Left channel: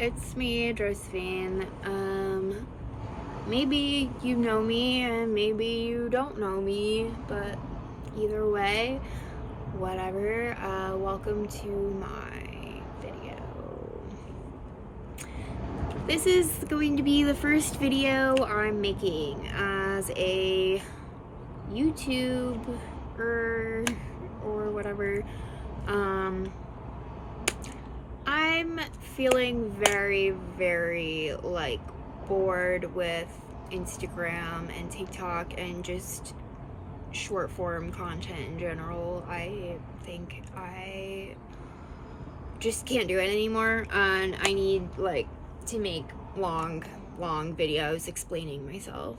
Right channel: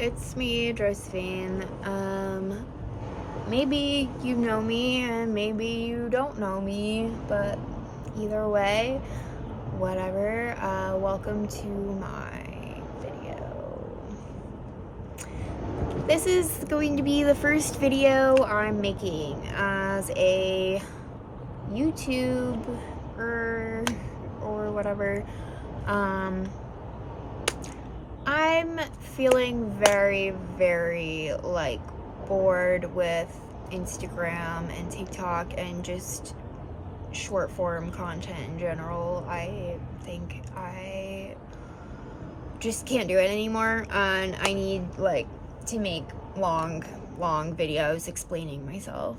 it's me, Josephine. Maybe you know me and maybe you don't know me, but either way, whatever. Welcome to my video. This is going to be the first video I'm making as a YouTuber or whatever. I'm feeling very, very bored with Instagram and TikTok and just short form content in general. I think I just can't do it anymore, and I need to make long videos explaining myself,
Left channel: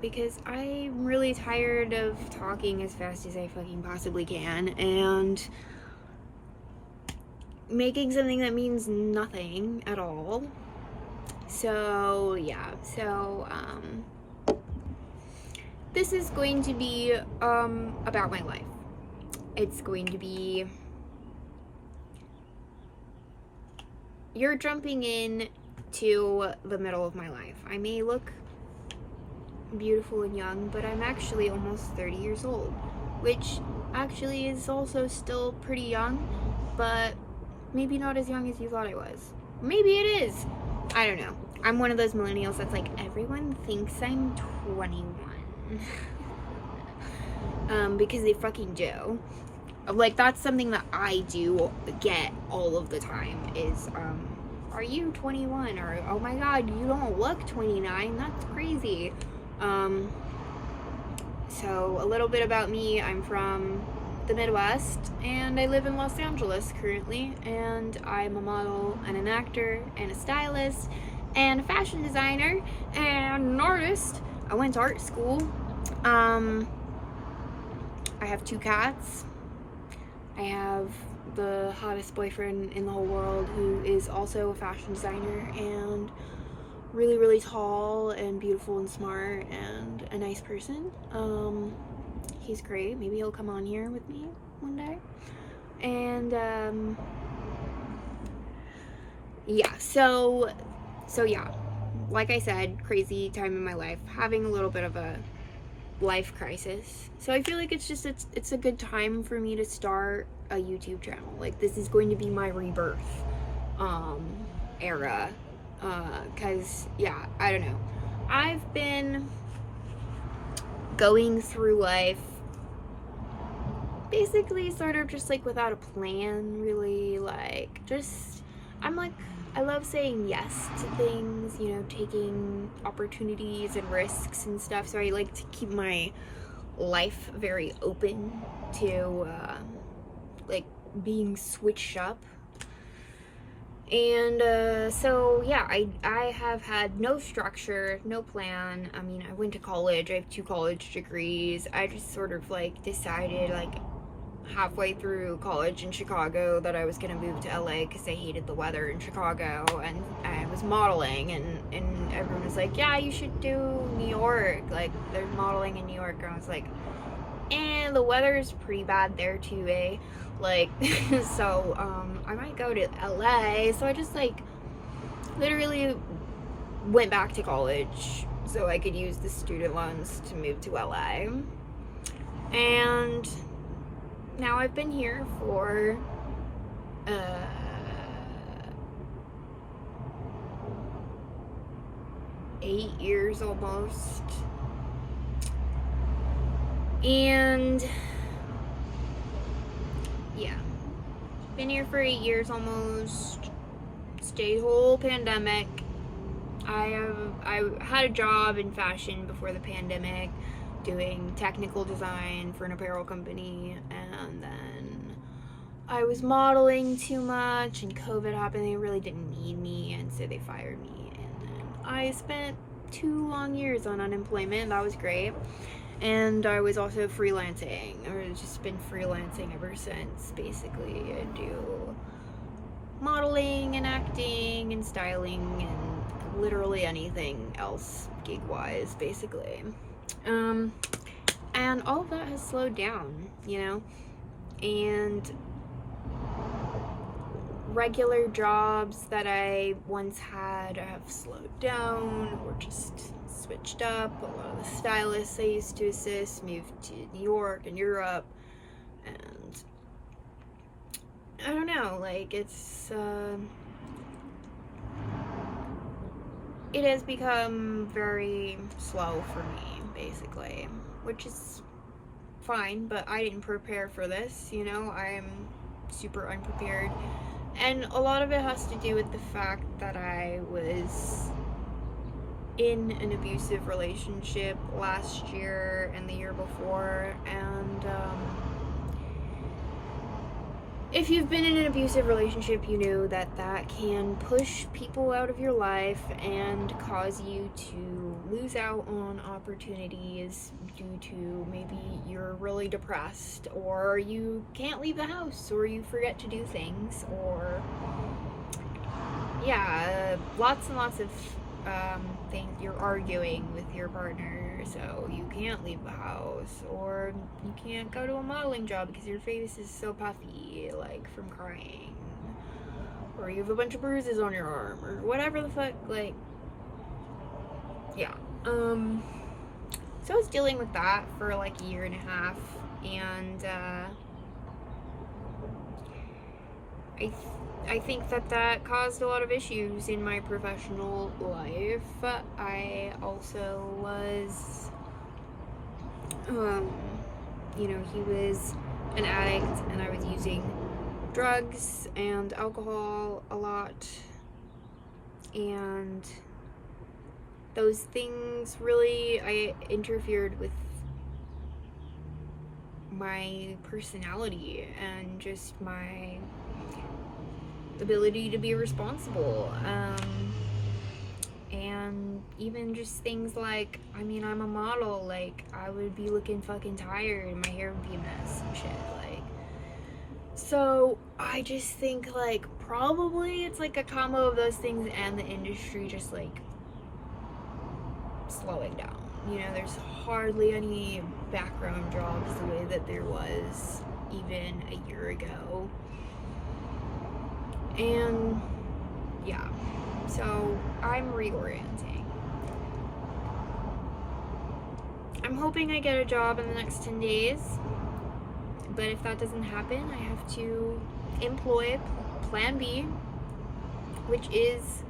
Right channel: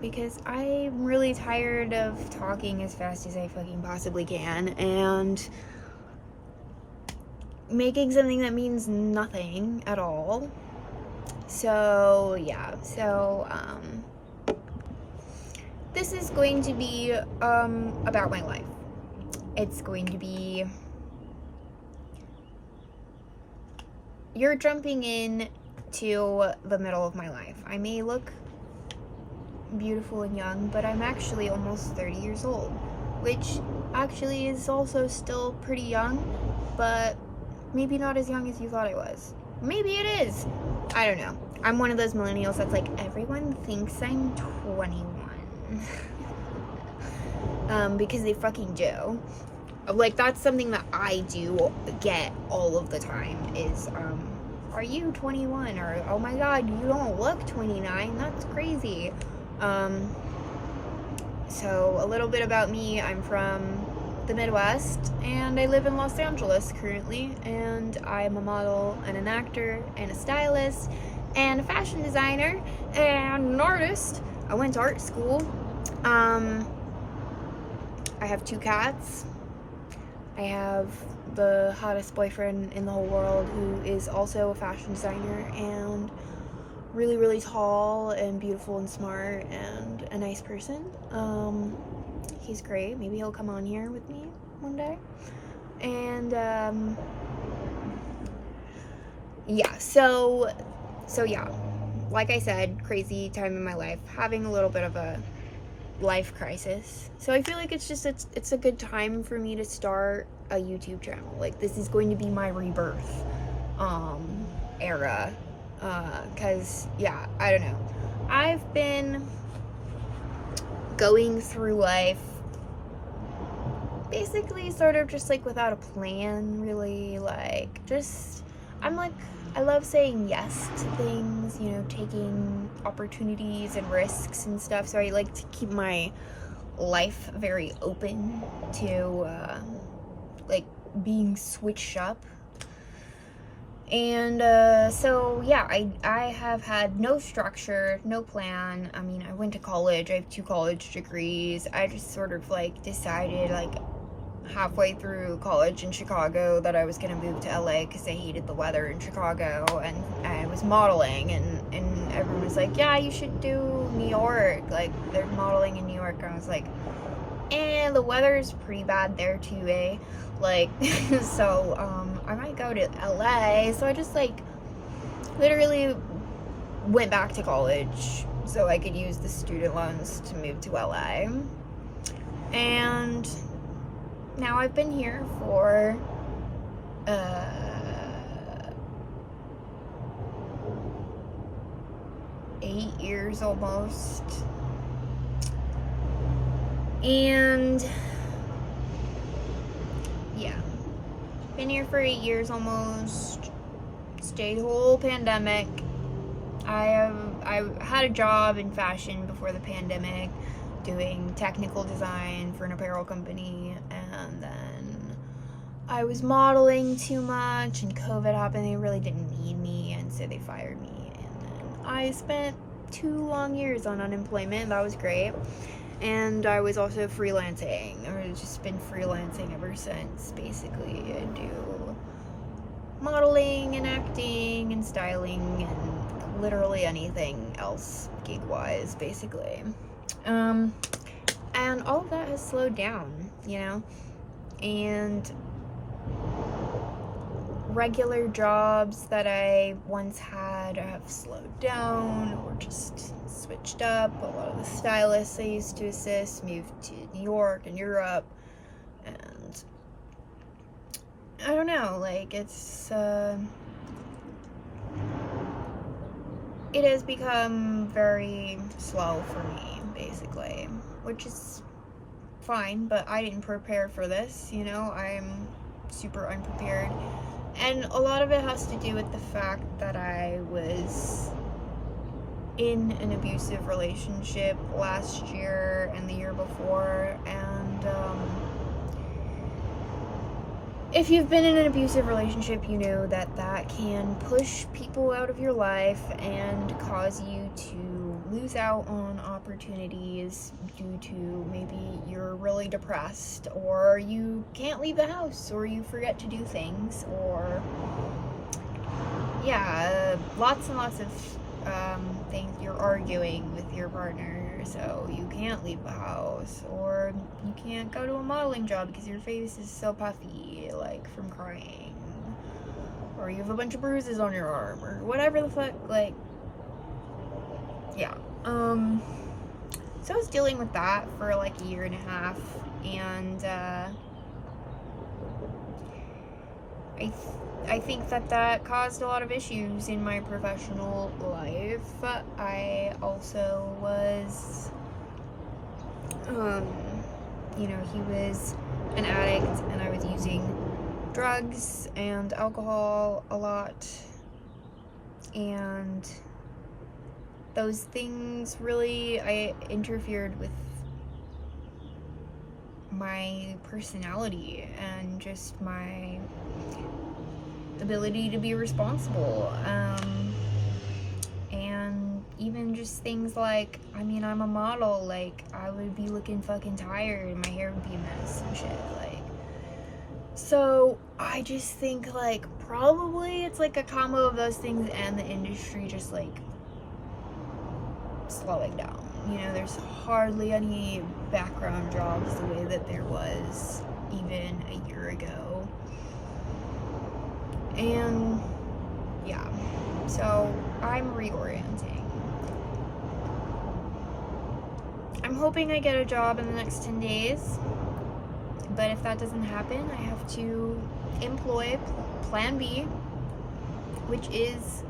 because I'm really tired of talking as fast as I fucking possibly can and making something that means nothing at all. So yeah, this is going to be about my life. It's going to be, you're jumping in to the middle of my life. I may look beautiful and young, but I'm actually almost 30 years old, which actually is also still pretty young, but maybe not as young as you thought I was. Maybe it is. I don't know. I'm one of those millennials that's like, everyone thinks I'm 21. Because they fucking do. That's something that I do get all of the time is, are you 21? Or, oh my god, you don't look 29. That's crazy. So a little bit about me. I'm from the Midwest and I live in Los Angeles currently, and I'm a model and an actor and a stylist and a fashion designer and an artist. I went to art school. I have 2 cats. I have the hottest boyfriend in the whole world who is also a fashion designer and really, really tall and beautiful and smart and a nice person. He's great. Maybe he'll come on here with me one day. And yeah, so yeah, like I said, crazy time in my life, having a little bit of a life crisis. So I feel like it's a good time for me to start a YouTube channel. This is going to be my rebirth era, cause yeah, I don't know, I've been going through life basically sort of just without a plan, really. I love saying yes to things, you know, taking opportunities and risks and stuff. So I like to keep my life very open to being switched up. And so yeah, I have had no structure, no plan. I mean, I went to college. I have 2 college degrees. I just sort of decided halfway through college in Chicago that I was gonna move to LA because I hated the weather in Chicago, and I was modeling, and everyone was like, yeah, you should do New York, there's modeling in New York. I was like, the weather is pretty bad there too, eh? So I might go to LA. So I just literally went back to college so I could use the student loans to move to LA. And now I've been here for 8 years almost. And yeah, been here for 8 years almost. Stayed whole pandemic. I had a job in fashion before the pandemic, doing technical design for an apparel company, and then I was modeling too much and COVID happened. They really didn't need me, and so they fired me, and then I spent 2 long years on unemployment. That was great. And I was also freelancing. I've just been freelancing ever since, basically. I do modeling and acting and styling and literally anything else gig-wise, basically. And all of that has slowed down, you know? And regular jobs that I once had have slowed down or just switched up. A lot of the stylists I used to assist moved to New York and Europe, and I don't know, like, it has become very slow for me, basically, which is fine, but I didn't prepare for this, you know. I'm super unprepared, and a lot of it has to do with the fact that I was in an abusive relationship last year and the year before, and if you've been in an abusive relationship, you know that that can push people out of your life and cause you to lose out on opportunities due to maybe you're really depressed, or you can't leave the house, or you forget to do things, or yeah, lots and lots of things. You're arguing with your partner, so you can't leave the house, or you can't go to a modeling job because your face is so puffy, like from crying, or you have a bunch of bruises on your arm, or whatever the fuck, like, yeah. So I was dealing with that for like a year and a half, and I think that caused a lot of issues in my professional life. I also was, you know, he was an addict, and I was using drugs and alcohol a lot, and those things really, I interfered with my personality and just my ability to be responsible, and even just things like, I mean, I'm a model, like, I would be looking fucking tired and my hair would be a mess and shit, like, so I just think, like, probably it's like a combo of those things and the industry just like slowing down. You know, there's hardly any background jobs the way that there was even a year ago. And yeah, so I'm reorienting. I'm hoping I get a job in the next 10 days, but if that doesn't happen, I have to employ plan B, which is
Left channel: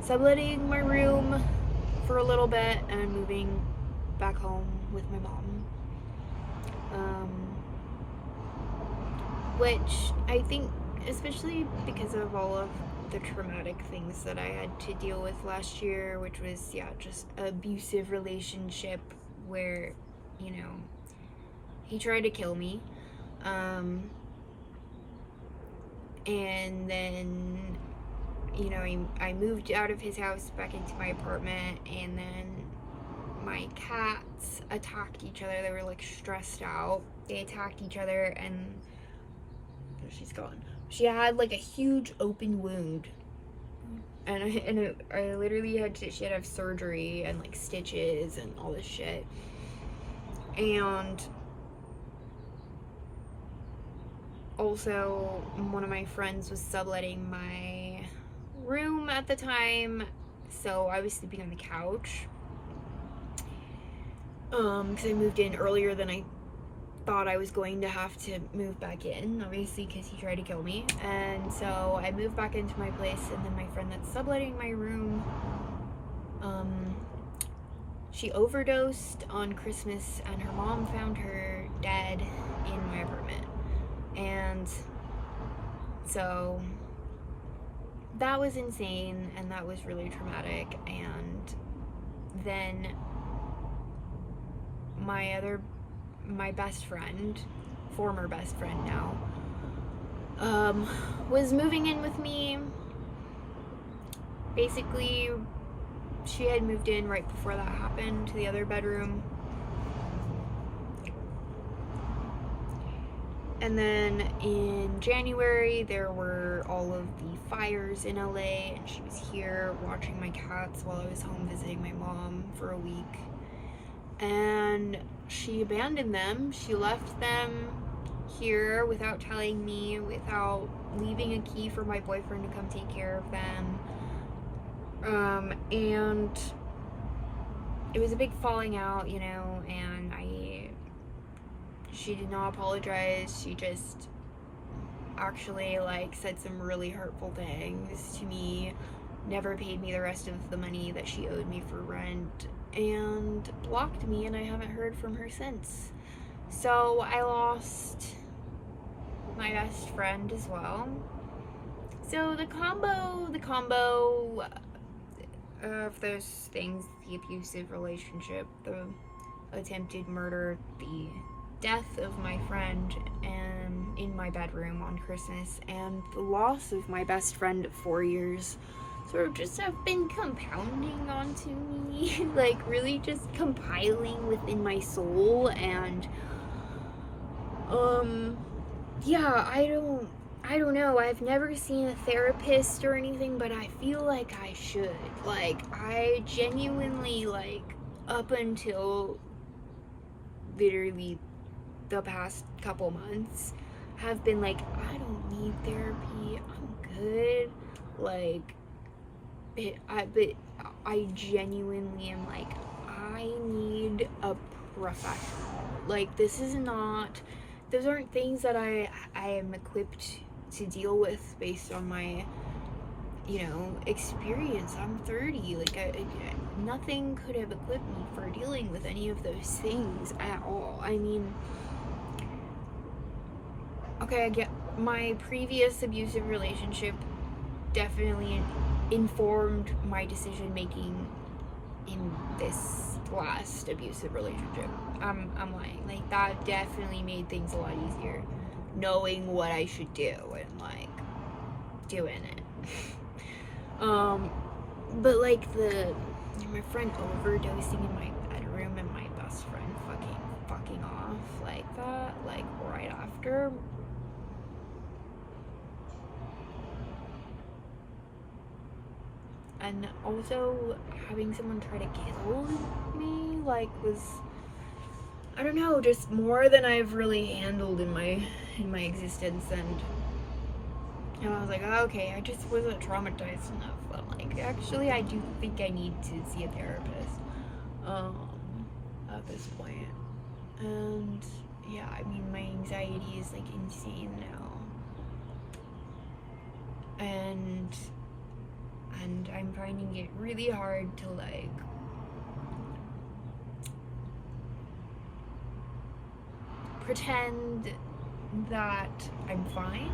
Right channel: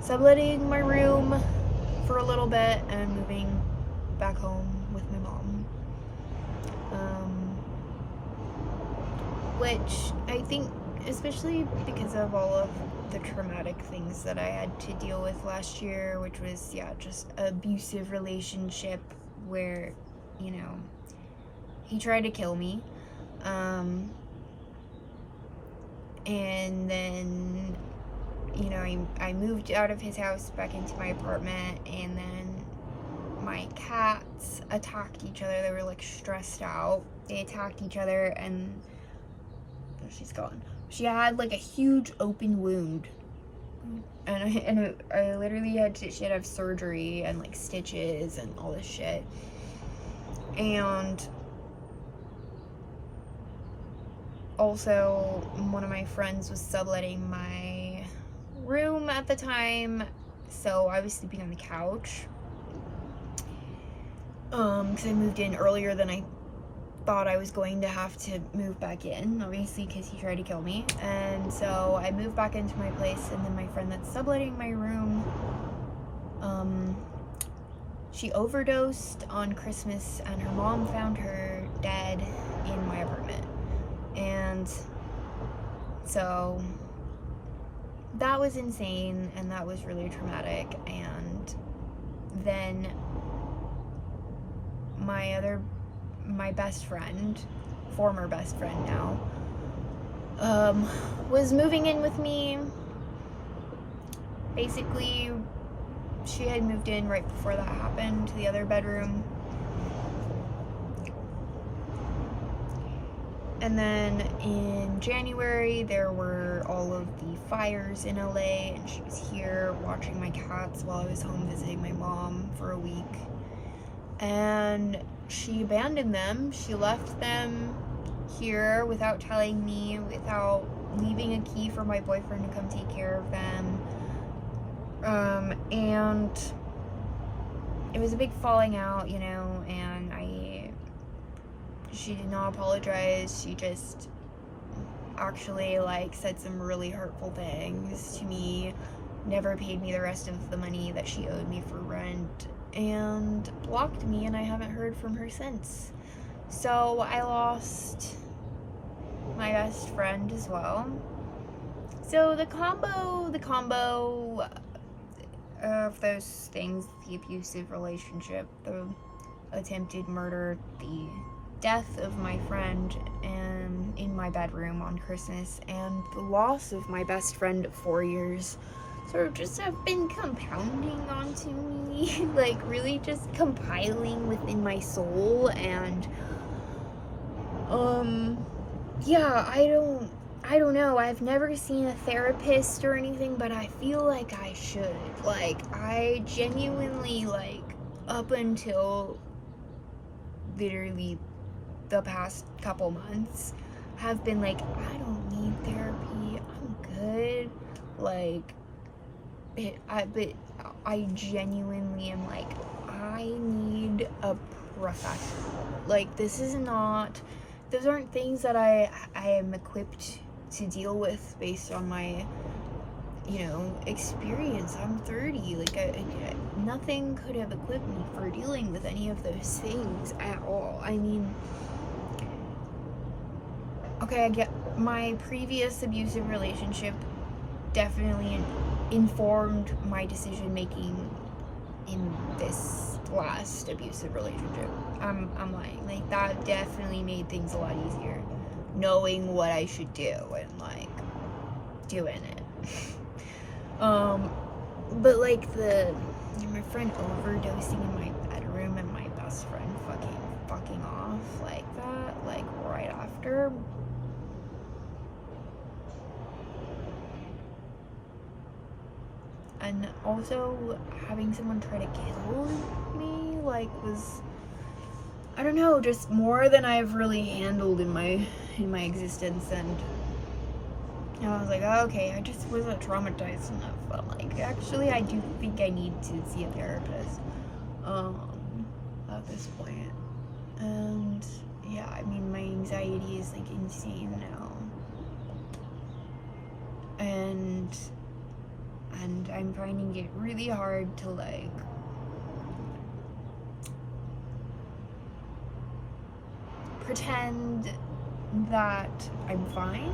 subletting my room for a little bit and moving back home with my mom. Which I think, especially because of all of the traumatic things that I had to deal with last year, which was, yeah, just an abusive relationship where, you know, he tried to kill me. And then, you know, I moved out of his house back into my apartment, and then my cats attacked each other. They were like stressed out. They attacked each other, and she's gone. She had like a huge open wound, and I literally she had to have surgery and like stitches and all this shit. And also, one of my friends was subletting my room at the time, so I was sleeping on the couch, because I moved in earlier than I thought I was going to have to move back in, obviously, because he tried to kill me. And so I moved back into my place, and then my friend that's subletting my room, she overdosed on Christmas, and her mom found her dead in my apartment. And so that was insane, and that was really traumatic. And then my best friend, former best friend now, was moving in with me. Basically, she had moved in right before that happened to the other bedroom. And then in January, there were all of the fires in LA, and she was here watching my cats while I was home visiting my mom for a week. And she abandoned them. She left them here without telling me, without leaving a key for my boyfriend to come take care of them. And it was a big falling out, you know, and she did not apologize. She just actually, like, said some really hurtful things to me, never paid me the rest of the money that she owed me for rent, and blocked me, and I haven't heard from her since. So I lost my best friend as well. So the combo of those things, the abusive relationship, the attempted murder, the death of my friend and in my bedroom on Christmas, and the loss of my best friend of 4 years sort of just have been compounding onto me, like really just compiling within my soul. And yeah, I don't know. I've never seen a therapist or anything, but I feel like I should. Like, I genuinely, like, up until literally the past couple months, have been like, I don't need therapy. I'm good. Like, but I genuinely am like, I need a professional. Like, those aren't things that I am equipped to deal with based on my, you know, experience. I'm 30. Like, nothing could have equipped me for dealing with any of those things at all. I mean, okay, I get my previous abusive relationship definitely informed my decision making in this last abusive relationship. I'm lying. Like, that definitely made things a lot easier, knowing what I should do and, like, doing it. But like my friend overdosing in my bedroom and my best friend fucking off like that, like right after. And also having someone try to kill me, like, was, I don't know, just more than I've really handled in my existence. And I was like, oh, okay, I just wasn't traumatized enough. I'm like, actually, I do think I need to see a therapist at this point. And yeah, I mean, my anxiety is like insane now. And I'm finding it really hard to, like, pretend that I'm fine.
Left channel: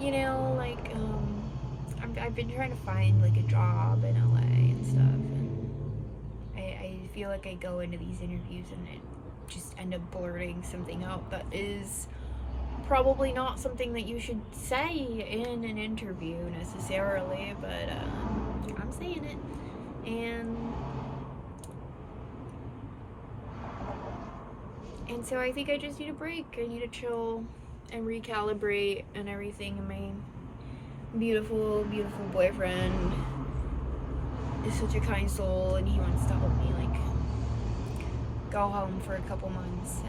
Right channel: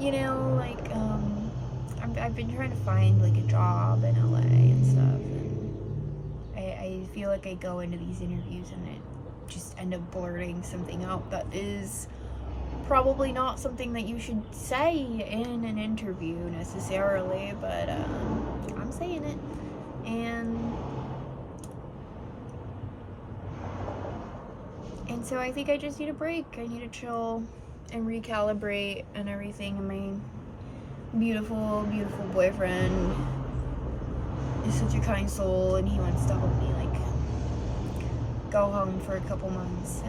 You know, like, I've been trying to find, like, a job in LA and stuff, and I feel like I go into these interviews and it just end up blurting something out that is probably not something that you should say in an interview necessarily, but I'm saying it. And so I think I just need a break. I need to chill and recalibrate and everything. And my beautiful, beautiful boyfriend is such a kind soul, and he wants to help me, like, go home for a couple months,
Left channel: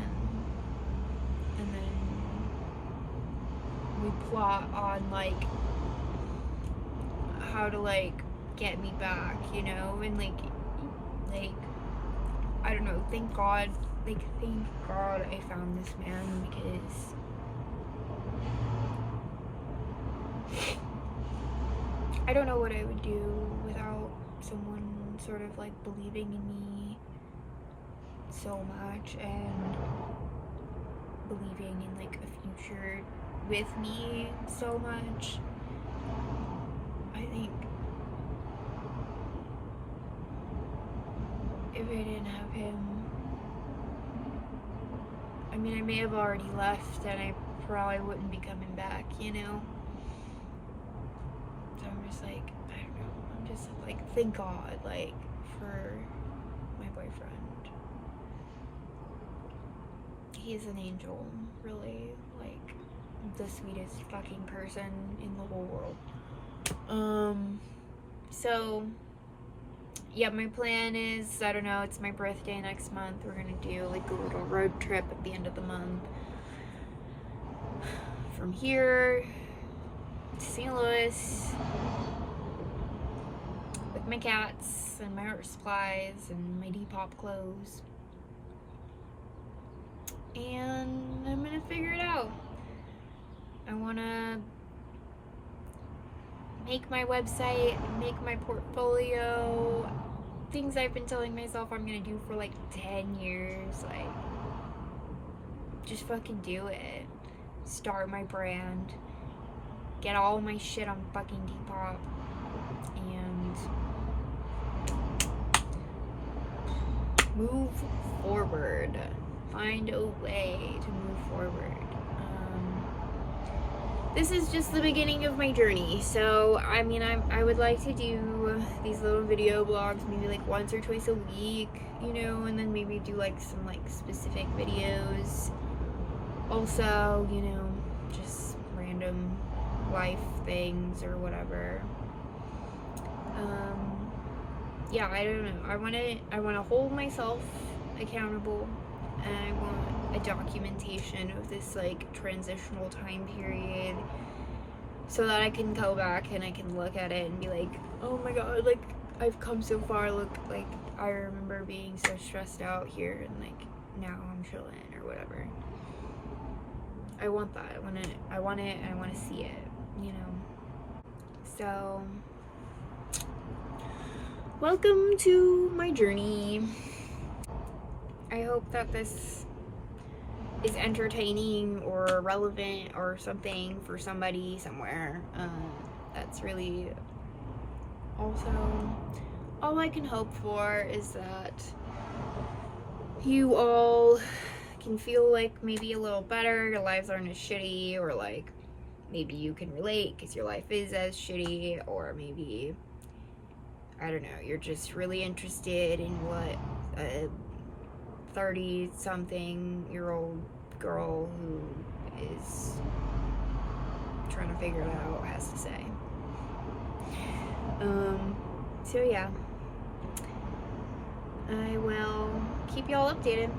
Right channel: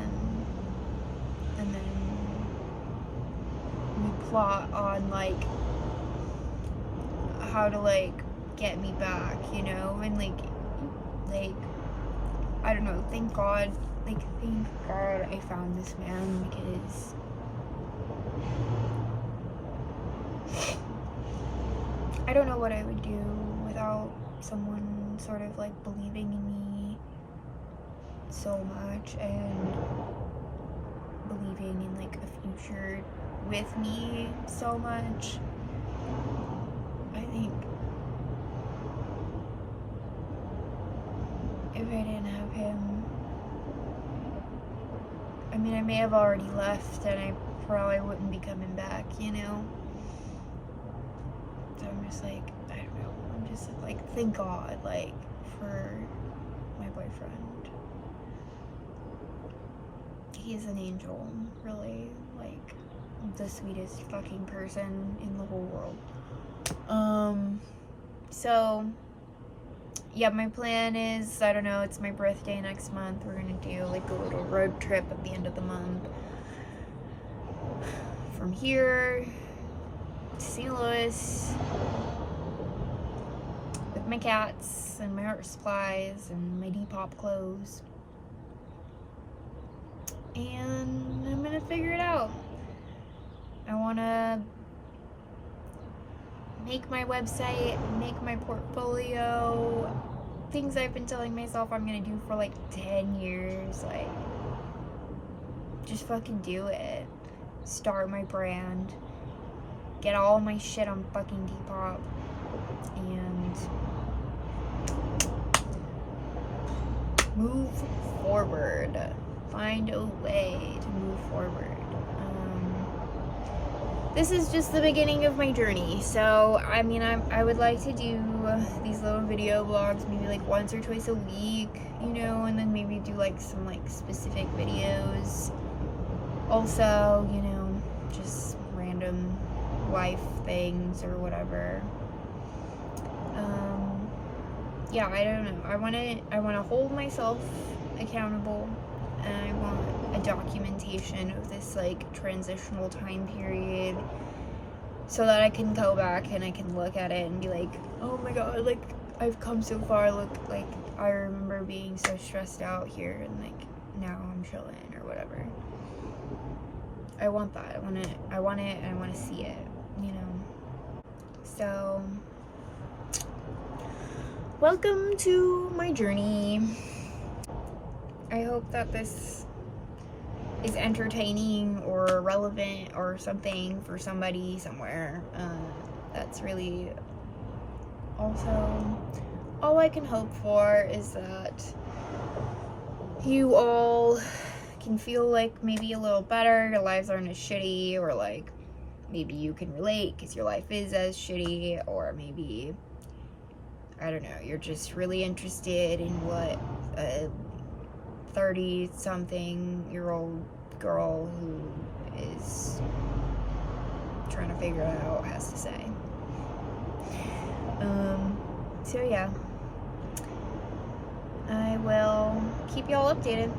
and then we plot on, like, how to, like, get me back, you know. And like I don't know, thank God I found this man, because I don't know what I would do without someone sort of, like, believing in me so much and believing in, like, a future with me so much. I think if I didn't have him, I mean, I may have already left and I probably wouldn't be coming back, you know? So I'm just like, I don't know, I'm just like, thank God, like, for my boyfriend. He's an angel, really, like, the sweetest fucking person in the whole world. So yeah, my plan is, I don't know, it's my birthday next month. We're gonna do, like, a little road trip at the end of the month. from here to St. Louis with my cats and my art supplies and my Depop clothes. And I'm gonna figure it out. I wanna make my website, make my portfolio, things I've been telling myself I'm gonna do for like 10 years. Like, just fucking do it. Start my brand. Get all my shit on fucking Depop. And move forward. Find a way to move forward. This is just the beginning of my journey. So, I mean, I would like to do these little video blogs maybe like once or twice a week, you know, and then maybe do like some like specific videos. Also, you know, just random life things or whatever. Yeah, I don't know. I want to hold myself accountable, and I want a documentation of this like transitional time period so that I can go back and I can look at it and be like, oh my god, like I've come so far. Look, like I remember being so stressed out here, and like now I'm chilling or whatever. I want that. I want it, and I want to see it, you know. So, welcome to my journey. I hope that this is entertaining or relevant or something for somebody somewhere. That's really also all I can hope for, is that you all can feel like maybe a little better, your lives aren't as shitty, or like maybe you can relate because your life is as shitty, or maybe, I don't know, you're just really interested in what a 30-something-year-old girl who is trying to figure it out has to say. So yeah, I will keep y'all updated.